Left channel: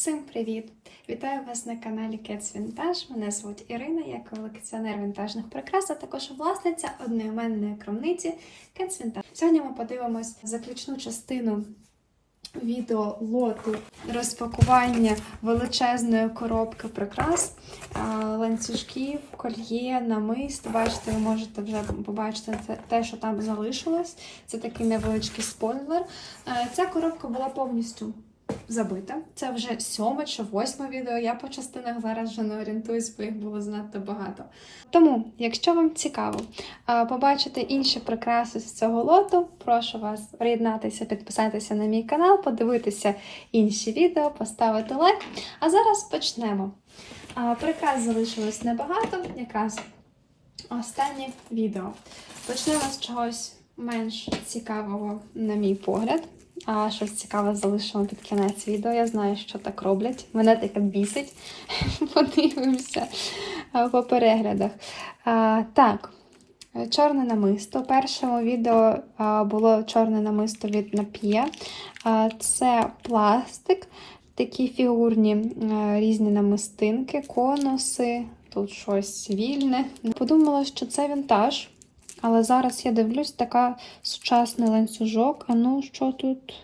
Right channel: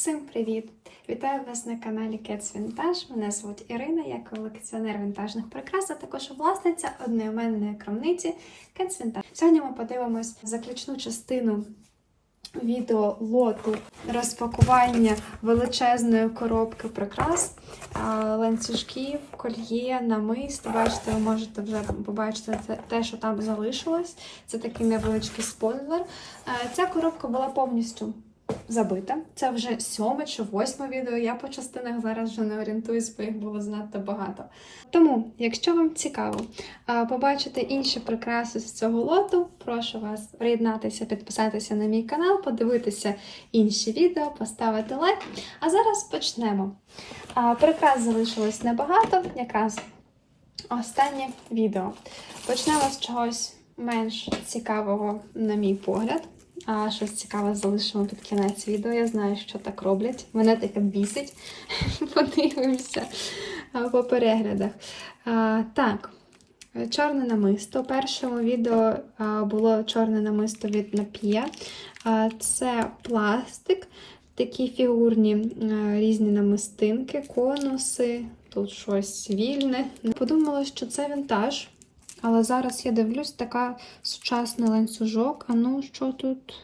Всім привіт! Вітаю вас на каналі Cats Vintage. Мене звуть Ірина, я колекціонер вінтажних прикрас, а також власниця одноіменної крамниці Cats Vintage. Сьогодні ми подивимось заключну частину відео лоту розпакування величезної коробки прикрас, ланцюжків, кольє, намист. Бачите, ви можете вже побачити те- що там залишилось. Це такий невеличкий спойлер. Ця коробка була повністю забита. Це вже сьоме чи восьме відео. Я по частинах зараз вже не орієнтуюсь, бо їх було занадто багато. Тому, якщо вам цікаво побачити інші прикраси з цього лоту, прошу вас приєднатися, підписатися на мій канал, подивитися інші відео, поставити лайк. А зараз почнемо. Прикрас залишилось небагато, якраз останнє відео. Почнемо з чогось менш цікавого, на мій погляд. А щось цікаве залишимо під кінець відео. Я знаю, що так роблять. Мене таке бісить. Подивимося по переглядах. А, так, чорне намисто. У першому відео було чорне намисто від Напія. А, це пластик, такі фігурні різні намистинки, конуси, тут щось вільне. Подумала, що це вінтаж. Але зараз я дивлюсь, така сучасний ланцюжок. А ну, що тут?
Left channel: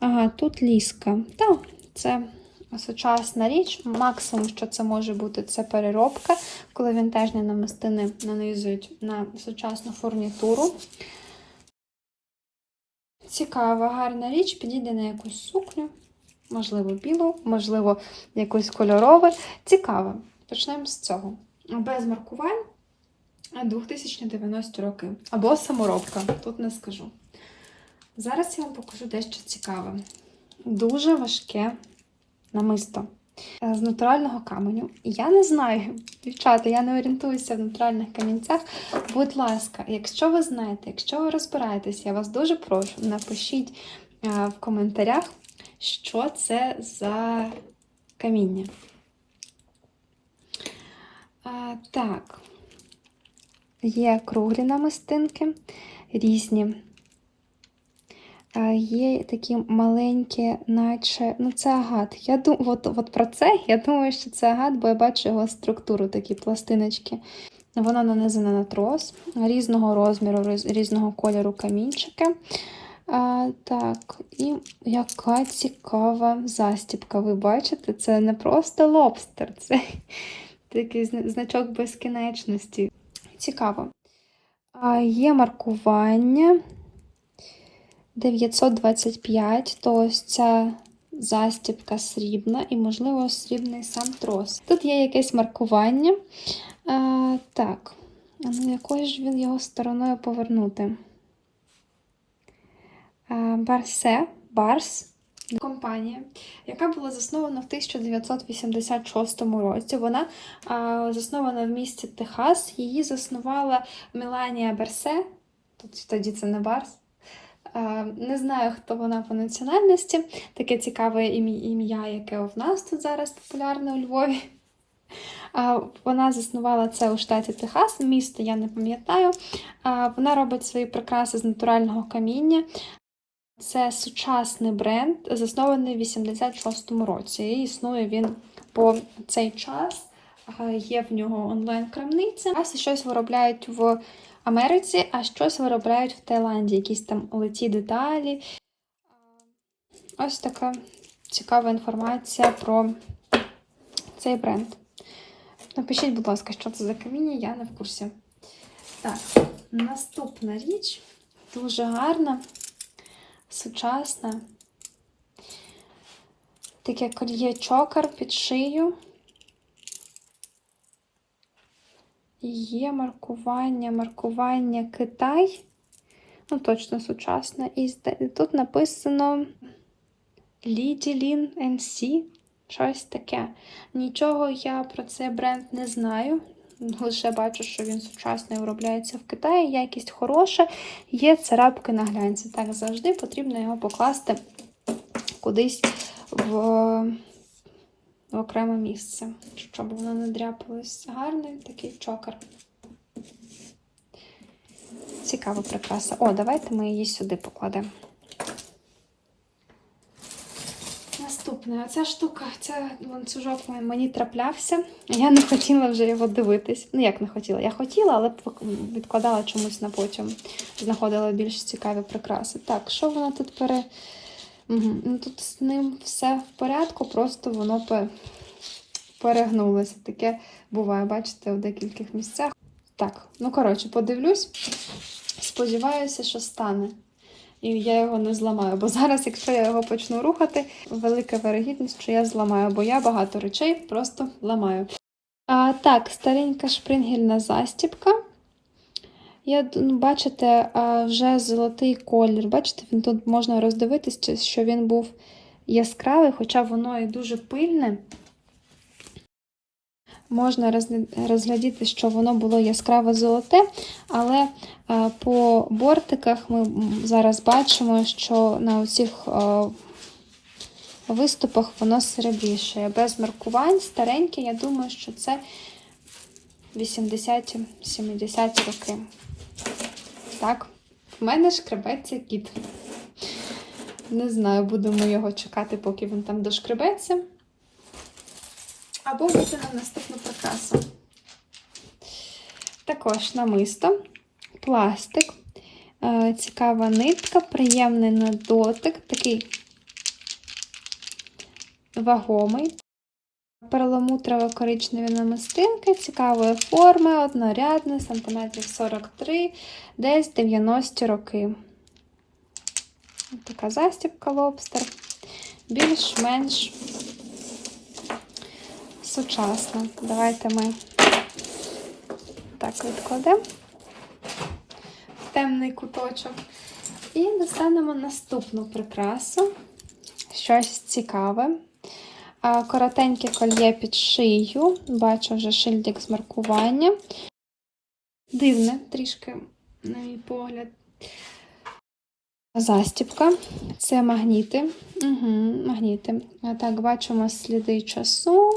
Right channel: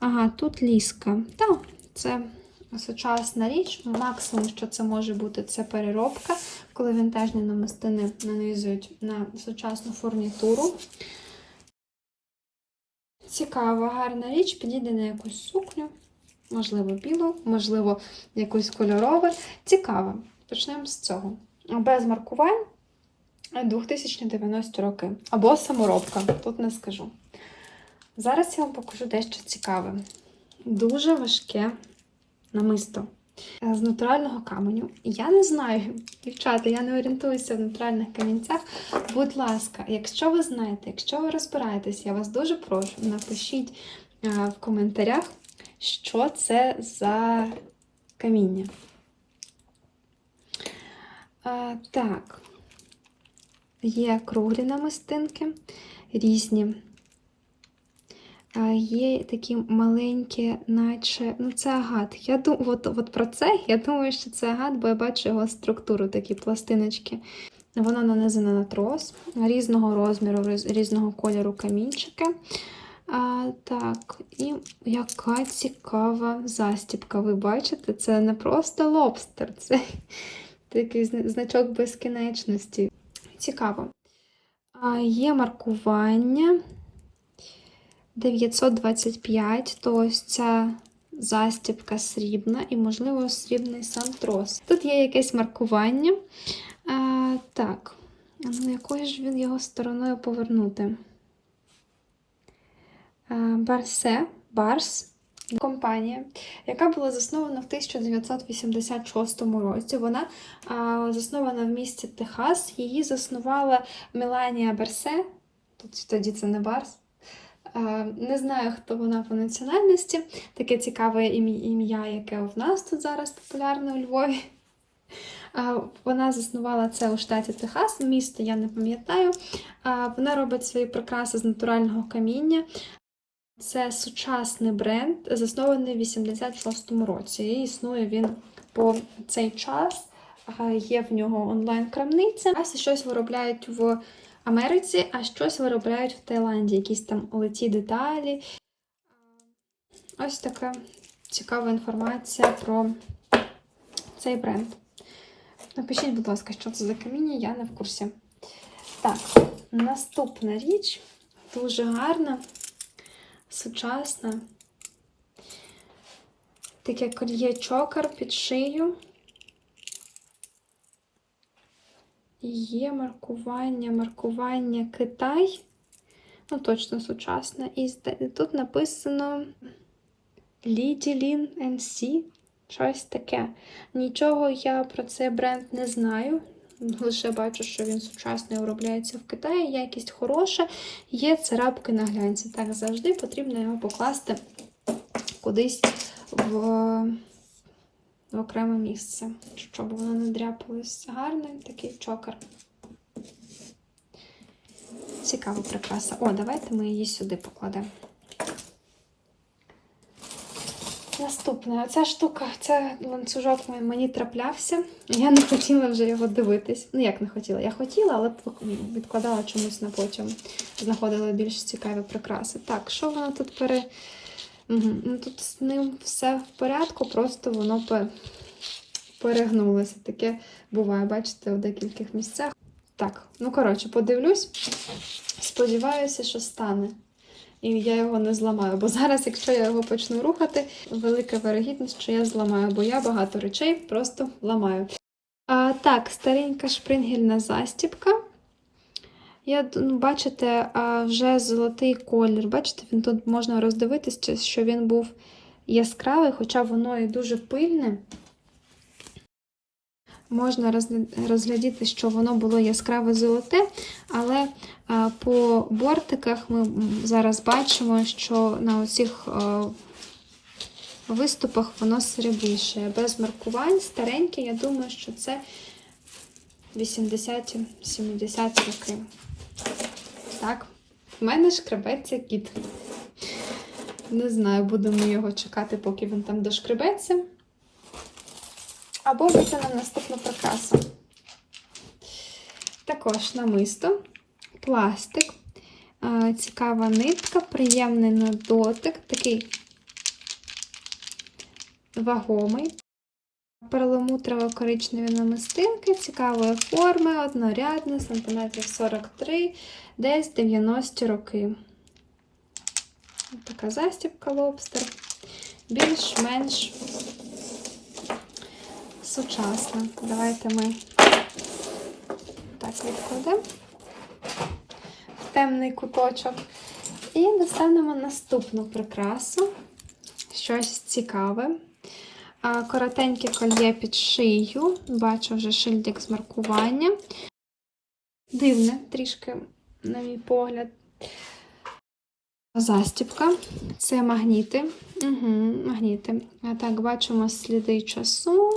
Ага, тут ліска. Так, це сучасна річ. Максимум, що це може бути, це переробка, коли вінтажні намистини нанизують на сучасну фурнітуру. Цікава, гарна річ, підійде на якусь сукню, можливо, білу, можливо, якусь кольорову. Цікаво. Почнемо з цього. Без маркувань. 2090 роки. Або саморобка, тут не скажу. Зараз я вам покажу дещо цікаве. Дуже важке намисто е, з натурального каменю. Я не знаю, дівчата, я не орієнтуюся в натуральних камінцях. Будь ласка, якщо ви знаєте, якщо ви розбираєтесь, я вас дуже прошу, напишіть е, в коментарях, що це за каміння. Так. Є круглі намистинки, різні. Є такі маленькі, наче. Ну, це агат. Я дум... от, от про це я думаю, що це агат, бо я бачу його структуру, такі пластиночки. Воно нанизане на трос різного розміру, роз- різного кольору камінчики. А, так, і яка цікава застібка. Ви бачите, це не просто лобстер, це такий значок безкінечності. Цікаво. Є маркування 925, то ось ця застібка срібна і, можливо, срібний сам трос. Тут є якесь маркування. А, так, ну якою ж він його стороною повернути? А, Барсе, Барс. Компанія, яка була заснована в 1986 році. Вона а, заснована в місті Техас. Її заснувала Меланія Берсе. Тут тоді це не Барс. А, не знаю, хто вона по національності. Таке цікаве ім'я, яке в нас тут зараз популярне у Львові. А, Вона заснувала це у штаті Техас, місто я не пам'ятаю. Вона робить свої прикраси з натурального каміння. Це сучасний бренд, заснований в 86-му році. І існує він по цей час. Є в нього онлайн-крамниця. А щось виробляють в Америці, а щось виробляють в Таїланді. Якісь там литі деталі. Ось така цікава інформація про цей бренд. Напишіть, будь ласка, що це за каміння, я не в курсі. Так, наступна річ дуже гарна сучасна. Таке кольє чокер під шию. І Є маркування, маркування Китай. Ну, точно сучасне. І тут написано Lidylin NC. Щось таке. Нічого я про цей бренд не знаю. Лише бачу, що він сучасний виробляється в Китаї, якість хороша, є царапки на глянці. Так завжди потрібно його покласти кудись в, в окреме місце, щоб воно не дряпалось. Гарний такий чокер. Цікава прикраса. О, давайте ми її сюди покладемо. Наступна Наступне, ця штука, це ланцюжок мені- траплявся. Я не хотіла вже його дивитись. Ну, як не хотіла? Я хотіла, але відкладала чомусь на потім. Знаходила більш цікаві прикраси. Так, що воно тут пере. Ну, тут з ним все в порядку, просто воно перегнулося. Таке буває, бачите, у декількох місцях. Так, ну коротше, подивлюсь. Сподіваюся, що стане. І я його не зламаю. Бо зараз, якщо я його почну рухати, велика вирогідність, що я зламаю, бо я багато речей просто ламаю. А, так, старенька шпрингельна застібка. Я, ну, бачите, вже золотий колір. Бачите, він тут можна роздивитись, чи- що він був яскравий, хоча воно і дуже пильне. Можна розглядіти, що воно було яскраво золоте, але по бортиках ми зараз бачимо, що на оцих а, виступах воно серебріше. Без маркувань, стареньке, я думаю, що це 80-70 роки. Так, в мене шкребеться кіт. Не знаю, будемо його чекати, поки він там дошкребеться. Або виконав наступну прикрасу. Також намисто, пластик, е, цікава нитка, приємний на дотик, такий вагомий. Перламутрово коричневі намистинки, цікавої форми, однорядна, сантиметрів 43, десь 90 роки. Така застібка лобстер. Більш-менш сучасна. Давайте ми так відкладемо в темний куточок. І достанемо наступну прикрасу. Щось цікаве. Коротеньке кольє під шию. Бачу вже шильдик з маркування. Дивне трішки, на мій погляд. Застібка. Це магніти. Угу, магніти. Так, бачимо сліди часу.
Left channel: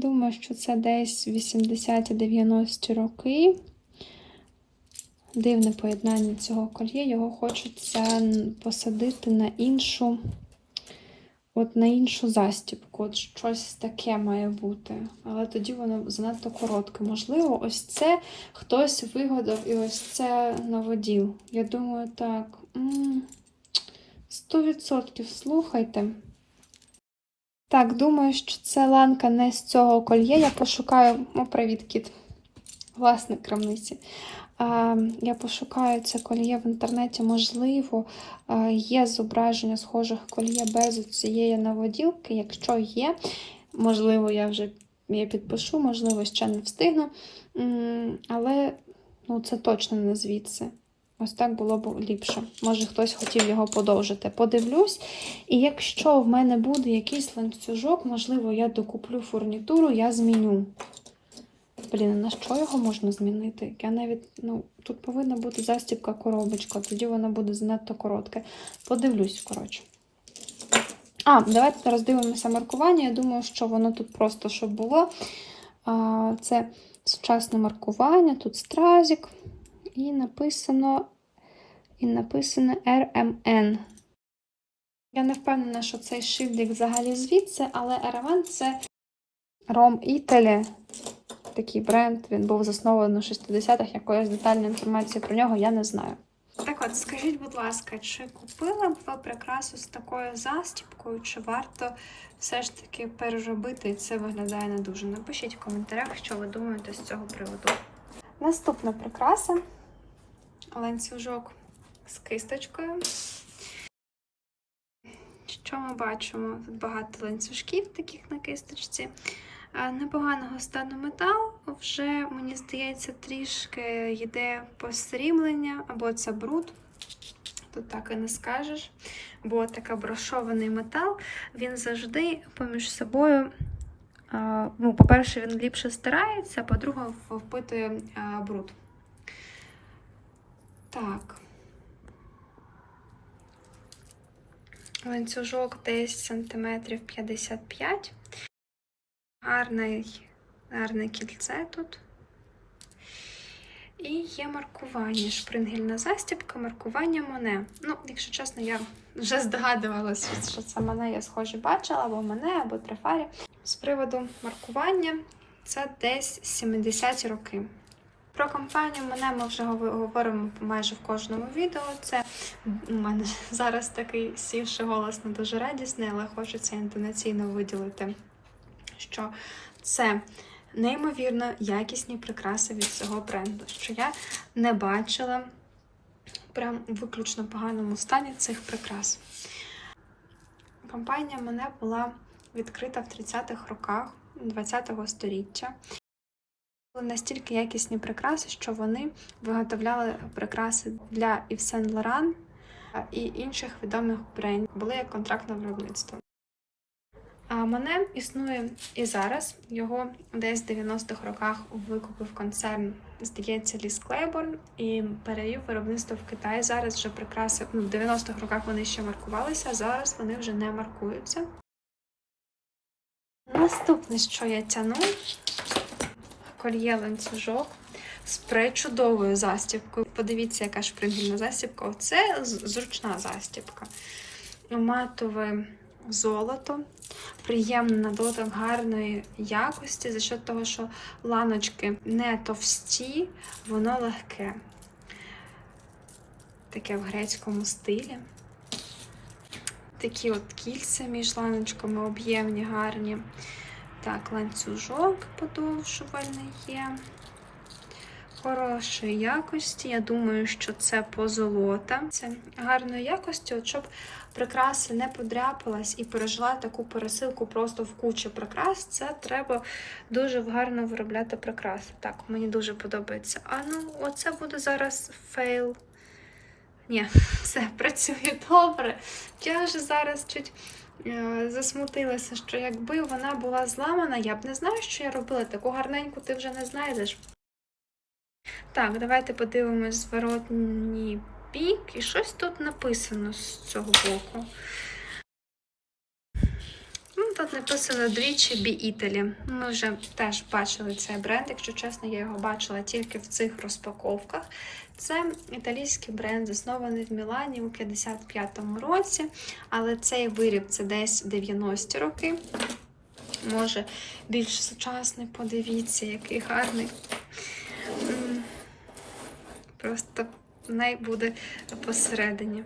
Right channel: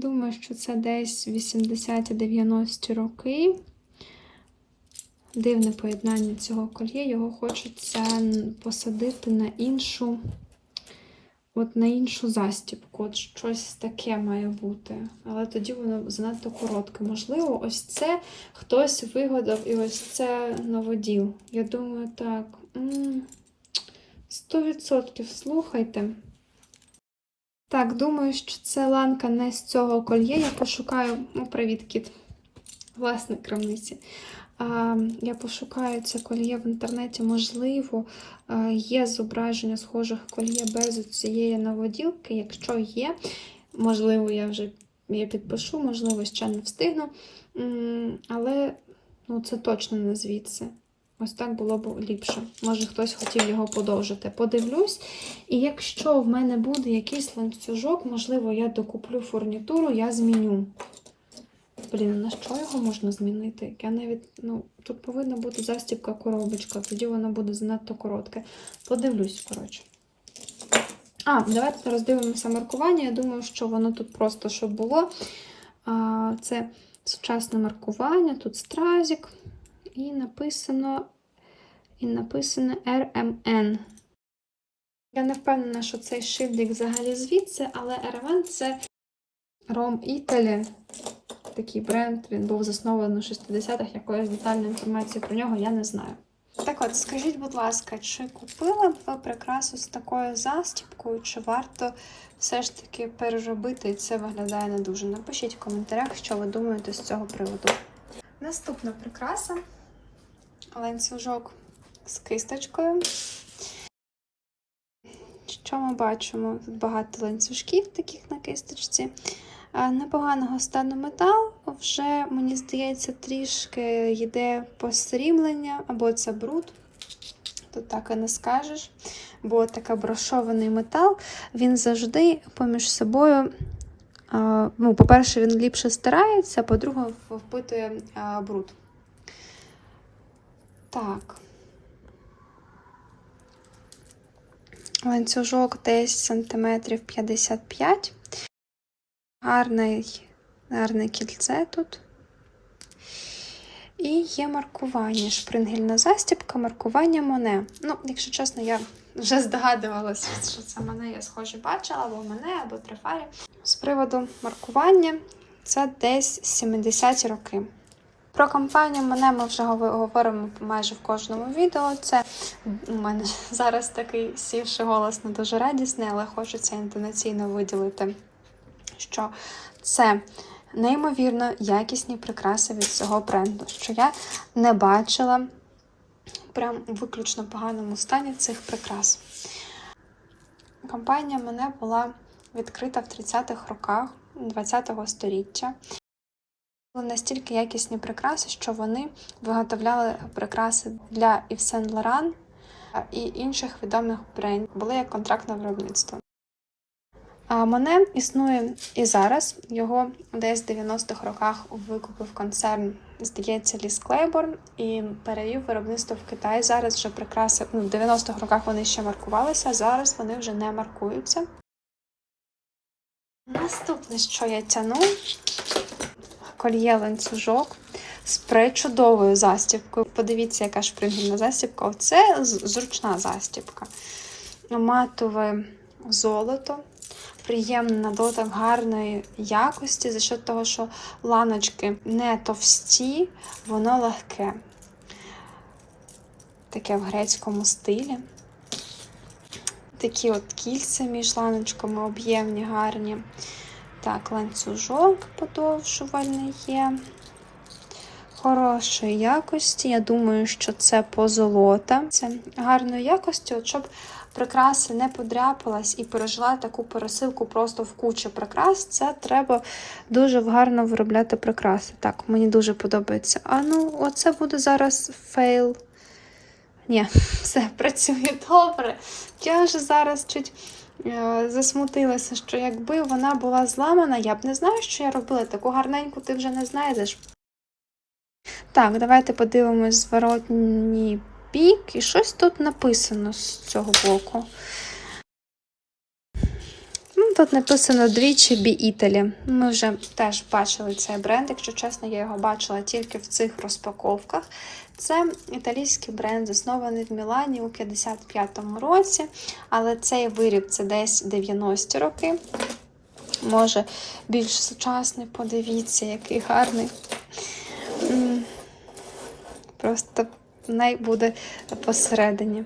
Думаю, що це десь 80-90 роки. Дивне поєднання цього кольє. Його хочеться посадити на іншу, от на іншу застібку. От щось таке має бути. Але тоді воно занадто коротке. Можливо, ось це хтось вигадав і ось це наводів. Я думаю, так. 100% слухайте. Так, думаю, що це ланка не з цього кольє. Я пошукаю. О, привіт, кіт. Власник крамниці. Я пошукаю це кольє в інтернеті. Можливо, є зображення схожих кольє без цієї наводілки. Якщо є, можливо, я вже я підпишу, можливо, ще не встигну. Але ну, це точно не звідси. Ось так було б ліпше. Може, хтось хотів його подовжити. Подивлюсь. І якщо в мене буде якийсь ланцюжок, можливо, я докуплю фурнітуру, я зміню. Блін, на що його можна змінити? Я навіть, ну, тут повинна бути застібка коробочка, тоді вона буде занадто коротка. Подивлюсь, коротше. А, давайте роздивимося маркування. Я думаю, що воно тут просто щоб було. Це сучасне маркування, тут стразик. І написано, і написано RMN. Я не впевнена, що цей шильдик взагалі звідси, але RMN це Rom Italy. Такий бренд, він був заснований у 60-х, якоїсь детальної інформації про нього я не знаю. Так от, скажіть, будь ласка, чи купили б ви прикрасу з такою застібкою, чи варто все ж таки переробити і це виглядає не дуже? Напишіть в коментарях, що ви думаєте з цього приводу. Наступна прикраса ланцюжок з кисточкою. Що ми бачимо? Тут багато ланцюжків таких на кисточці. Непоганого стану метал, вже, мені здається, трішки йде посріблення, або це бруд. Тут так і не скажеш. Бо такий брошований метал, він завжди поміж собою. Ну, по-перше, він ліпше стирається, по-друге, впитує бруд. Так. Ланцюжок десь сантиметрів 55. Гарний, гарне кільце тут. І є маркування. Шпрингельна застібка, маркування Моне. Ну, якщо чесно, я вже здогадувалася, що це мене я схоже бачила, або мене, або трифарі. З приводу маркування, це десь 70 роки. Про компанію мене ми вже говоримо майже в кожному відео. Це у мене зараз такий сівший голос не дуже радісний, але хочеться інтонаційно виділити, що це неймовірно якісні прикраси від цього бренду, що я не бачила прям у виключно поганому стані цих прикрас. Компанія мене була відкрита в 30-х роках 20-го століття. Були настільки якісні прикраси, що вони виготовляли прикраси для Yves Saint Laurent і інших відомих брендів. Були як контрактне виробництво. А мене існує і зараз. Його десь в 90-х роках викупив концерн, здається, Ліс Клейборн і перевів виробництво в Китай. Зараз вже прикраси ну, в 90-х роках вони ще маркувалися, зараз вони вже не маркуються. Наступне, що я тяну, кольє ланцюжок з пречудовою застібкою. Подивіться, яка шпрингельна застібка. Це зручна застібка. Матове золото, приємний на гарної якості, за счет того, що ланочки не товсті, воно легке. Таке в грецькому стилі. Такі от кільця між ланочками об'ємні, гарні. Так, ланцюжок подовжувальний є. Хорошої якості. Я думаю, що це позолота. Це гарної якості, от щоб прикраси не подряпалась і пережила таку пересилку просто в кучі прикрас. Це треба дуже гарно виробляти прикраси. Так, мені дуже подобається. А ну, оце буде зараз фейл. Ні, все працює добре. Я вже зараз чуть засмутилася, що якби вона була зламана, я б не знаю, що я робила. Таку гарненьку ти вже не знайдеш. Так, давайте подивимось зворотній бік. І щось тут написано з цього боку. Тут написано двічі Бі Італі. Ми вже теж бачили цей бренд. Якщо чесно, я його бачила тільки в цих розпаковках. Це італійський бренд, заснований в Мілані у 55-му році, але цей виріб це десь 90-ті роки. Може, більш сучасний, подивіться, який гарний. Просто най буде посередині.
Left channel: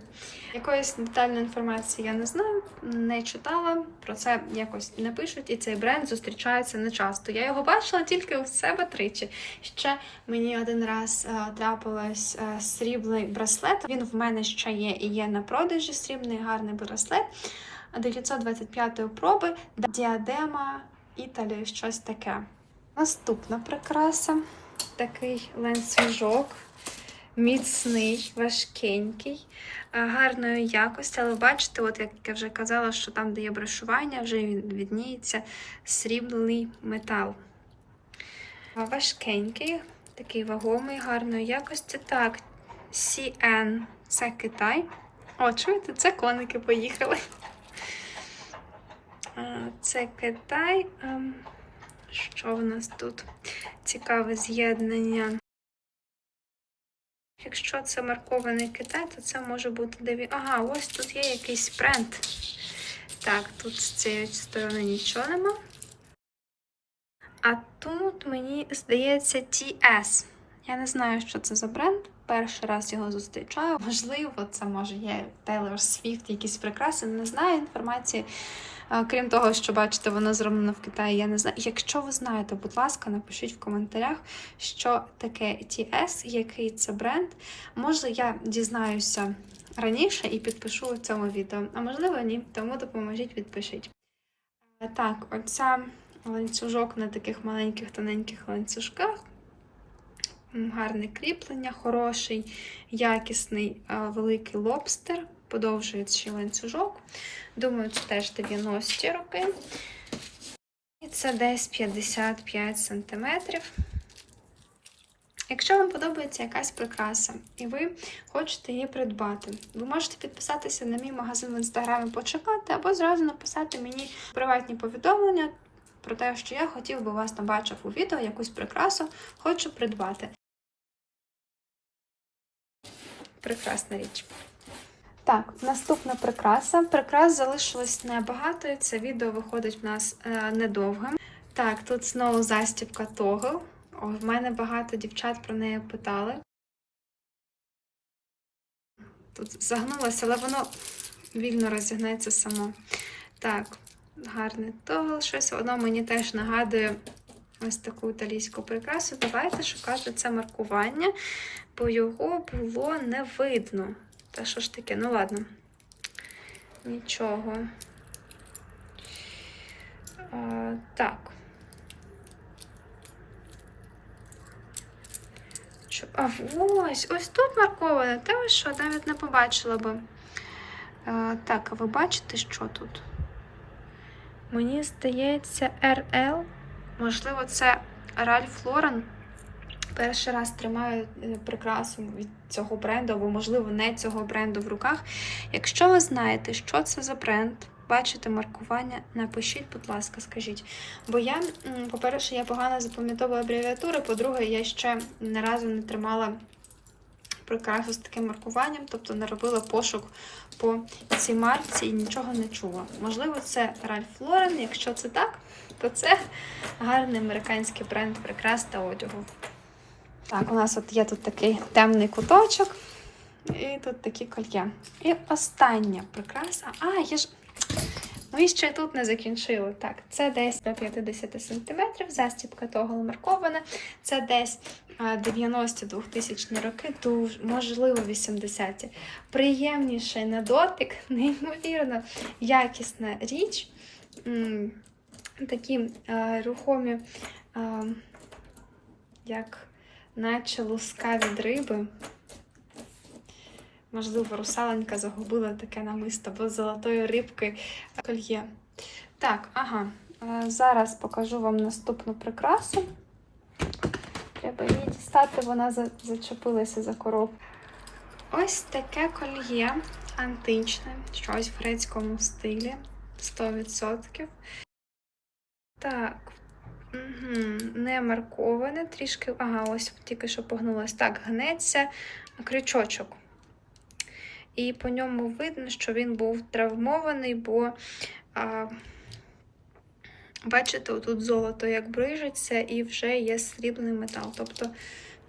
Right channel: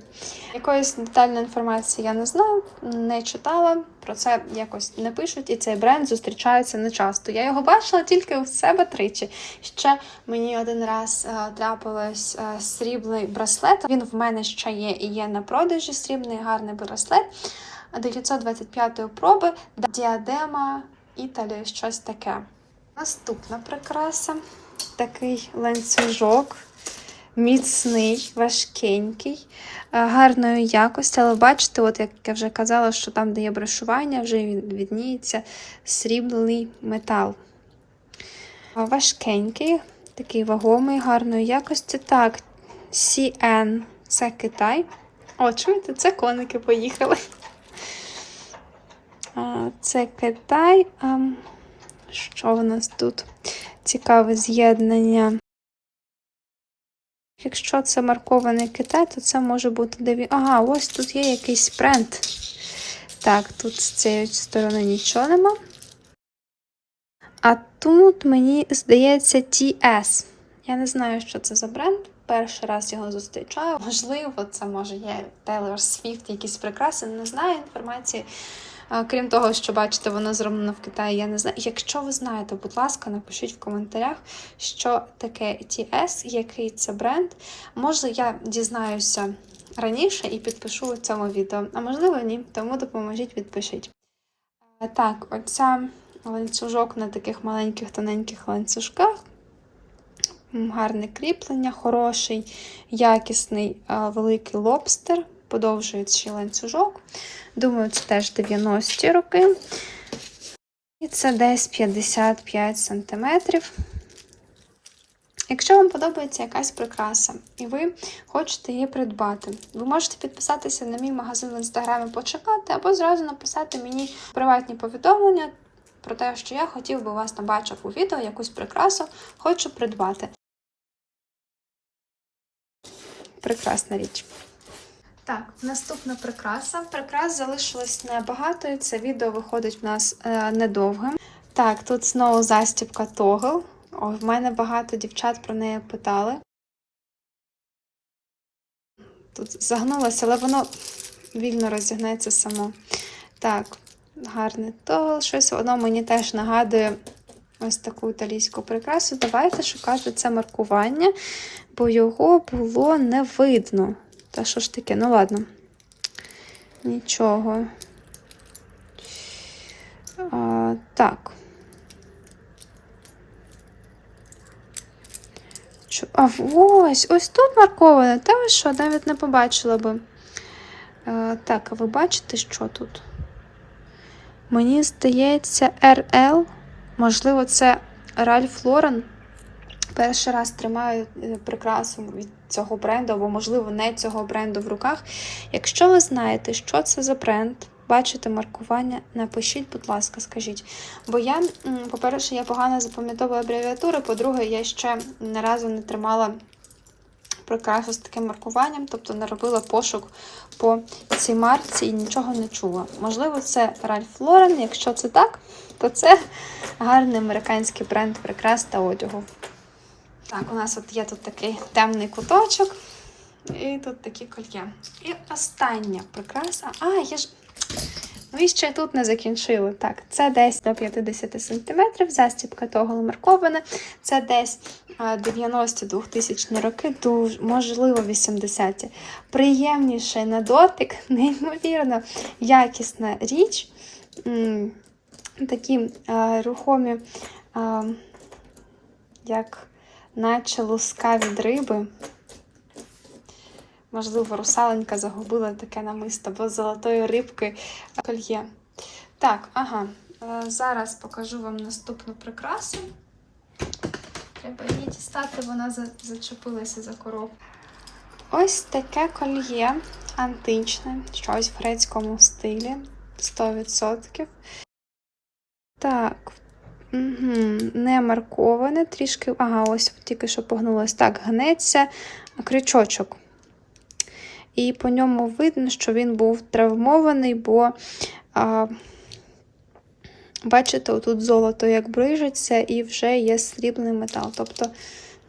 Якоїсь детальної інформації я не знаю, не читала, про це якось не пишуть, і цей бренд зустрічається не часто. Я його бачила тільки у себе тричі. Ще мені один раз е, трапилось е, срібний браслет. Він в мене ще є і є на продажі. Срібний гарний браслет 925-ї проби, діадема Італії, щось таке. Наступна прикраса такий ланцюжок, міцний, важкенький, е, гарної якості, але бачите, от як я вже казала, що там, де є брошування, вже відніється срібний метал. Важкенький, такий вагомий, гарної якості. Так, CN це Китай. О, чуєте, це коники поїхали. Це Китай. Ем, Що в нас тут? Цікаве з'єднання. Якщо це маркований Китай, то це може бути деві. Ага, ось тут є якийсь бренд. Так, тут з цієї сторони нічого нема. А тут мені здається TS. Я не знаю, що це за бренд. Перший раз його зустрічаю. Можливо, це може є Taylor Swift, якісь прикраси. Не знаю інформації. Крім того, що бачите, воно зроблено в Китаї, я не знаю. Якщо ви знаєте, будь ласка, напишіть в коментарях, що таке TS, який це бренд. Може, я дізнаюся раніше і підпишу у цьому відео, а можливо, ні, тому допоможіть, відпишіть. Так, оця ланцюжок на таких маленьких тоненьких ланцюжках. Гарне кріплення, хороший, якісний великий лобстер, подовжуючий ланцюжок. Думаю, це теж 90-ті роки. І це десь 55 сантиметрів. Якщо вам подобається якась прикраса, і ви хочете її придбати, ви можете підписатися на мій магазин в інстаграмі, почекати, або зразу написати мені приватні повідомлення про те, що я хотів би вас побачив у відео якусь прикрасу, хочу придбати. Прекрасна річ. Так, наступна прикраса. Прикрас залишилось небагато, і це відео виходить в нас е, недовгим. Так, тут знову застібка тогл. О, в мене багато дівчат про неї питали. Тут загнулося, але воно вільно розігнеться само. Так, гарний тогл. Щось воно мені теж нагадує ось таку італійську прикрасу. Давайте шукати це маркування, бо його було не видно. Та що ж таке? Ну ладно. Нічого. А, так. А ось, ось тут марковане. Та що, навіть не побачила би. А, так, а ви бачите, що тут? Мені здається, RL. Можливо, це Ральф Лорен. Перший раз тримаю е, прикрасу від цього бренду, або, можливо, не цього бренду в руках. Якщо ви знаєте, що це за бренд, бачите маркування, напишіть, будь ласка, скажіть. Бо я, по-перше, я погано запам'ятовую абревіатури, по-друге, я ще ні разу не тримала прикрасу з таким маркуванням, тобто не робила пошук по цій марці і нічого не чула. Можливо, це Ральф Лорен. Якщо це так, то це гарний американський бренд прикрас та одягу. Так, у нас от є тут такий темний куточок, і тут такі кольє. І остання прикраса. А, я ж. Ну і ще тут не закінчили. Так, це десь до 50 см, застібка того маркована. Це десь 90-2000 роки, дуже, можливо, 80-ті. Приємніший на дотик, неймовірно якісна річ. Такі а, рухомі, а, як наче луска від риби. Можливо, русаленька загубила таке намисто, бо з золотої рибки кольє. Так, ага. е, Зараз покажу вам наступну прикрасу. Треба її дістати, вона зачепилася за коробку. Ось таке кольє античне, щось в грецькому стилі. 100%. Так, Не марковане, трішки. Ага, ось тільки що погнулось. Так, гнеться крючочок. І по ньому видно, що він був травмований, бо, а, бачите, отут золото як брижиться, і вже є срібний метал. Тобто,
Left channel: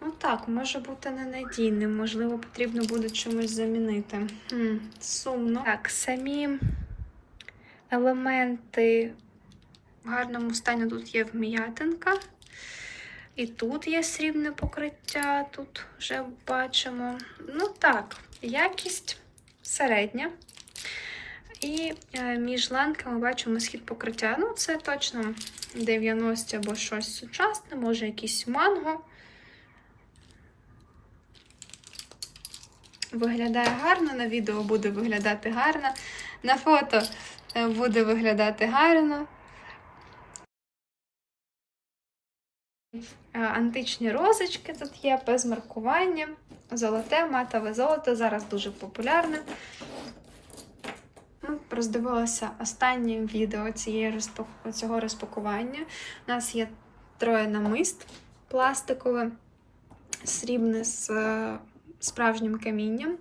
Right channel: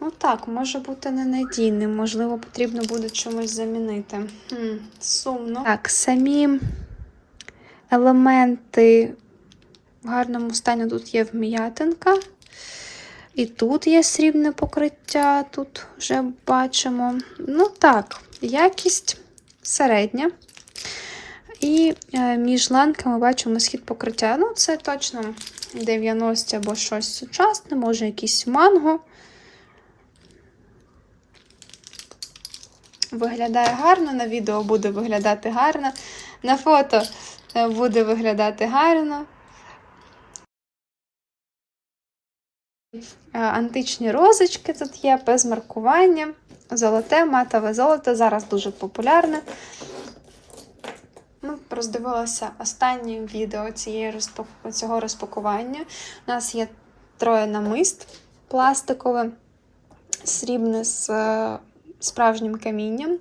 ну так, може бути ненадійним, можливо, потрібно буде чимось замінити. Хм, Сумно. Так, самі елементи в гарному стані тут є вм'ятинка. І тут є срібне покриття, тут вже бачимо. Ну так, якість середня. І е, між ланками бачимо схід покриття. Ну, це точно 90 або щось сучасне, може якийсь манго. Виглядає гарно, на відео буде виглядати гарно, на фото е, буде виглядати гарно. Античні розочки тут є без маркування. Золоте, матове золото зараз дуже популярне. Ми роздивилися останнє відео цієї цього розпакування. У нас є троє намист пластикове, срібне з е, справжнім камінням.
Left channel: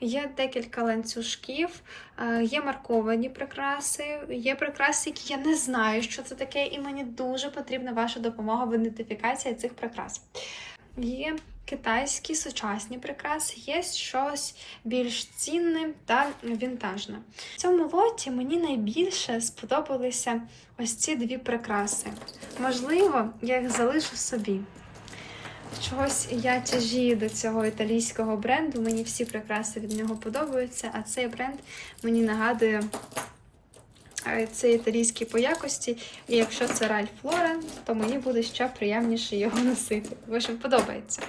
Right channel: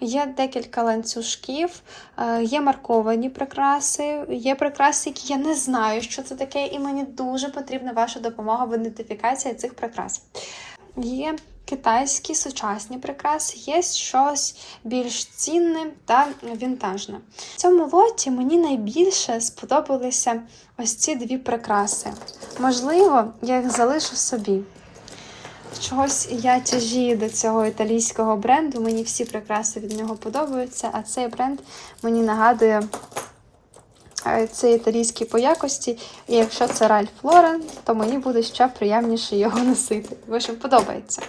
Є декілька ланцюжків, е, є марковані прикраси, є прикраси, які я не знаю, що це таке, і мені дуже потрібна ваша допомога в ідентифікації цих прикрас. Є китайські сучасні прикраси, є щось більш цінне та вінтажне. В цьому лоті мені найбільше сподобалися ось ці дві прикраси. Можливо, я їх залишу собі. Чогось я тяжію до цього італійського бренду. Мені всі прикраси від нього подобаються, а цей бренд мені нагадує е, цей італійський по якості. І якщо це Ральф Лорен, то мені буде ще приємніше його носити. Бо що подобається.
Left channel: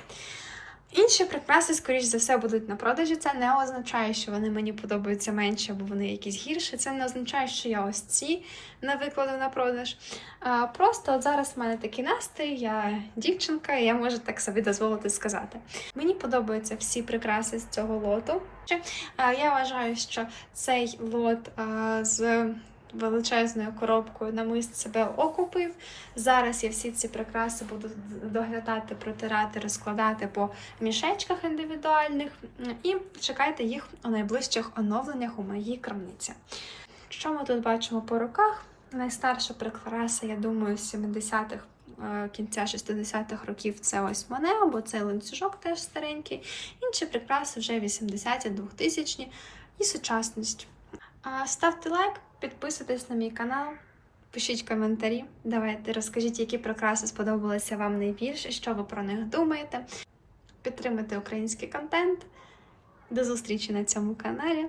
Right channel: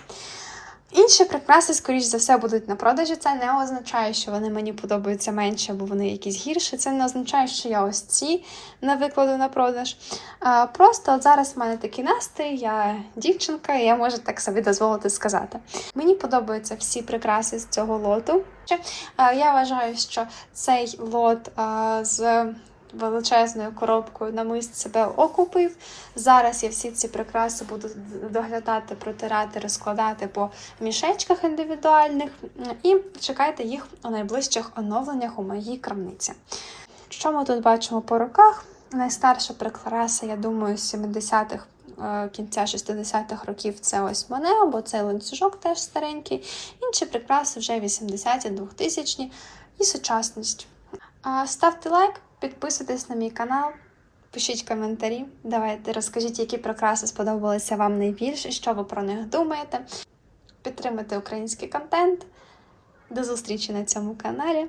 Інші прикраси, скоріш за все, будуть на продажі. Це не означає, що вони мені подобаються менше, або вони якісь гірші. Це не означає, що я ось ці не викладу на продаж. А, Просто от зараз в мене такий настрій, я дівчинка, і я можу так собі дозволити сказати. Мені подобаються всі прикраси з цього лоту. Я вважаю, що цей лот з величезною коробкою намист себе окупив. Зараз я всі ці прикраси буду доглядати, протирати, розкладати по мішечках індивідуальних. І чекайте їх у найближчих оновленнях у моїй крамниці. Що ми тут бачимо по руках? Найстарша прикраса, я думаю, з 70-х, е, кінця 60-х років це ось Монео, бо цей ланцюжок теж старенький. Інші прикраси вже 80-ті, 2000-ті і сучасність. Ставте лайк, підписуйтесь на мій канал, пишіть коментарі. Давайте розкажіть, які прикраси сподобалися вам найбільше, що ви про них думаєте. Підтримуйте український контент. До зустрічі на цьому каналі.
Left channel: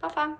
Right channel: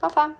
Па-па!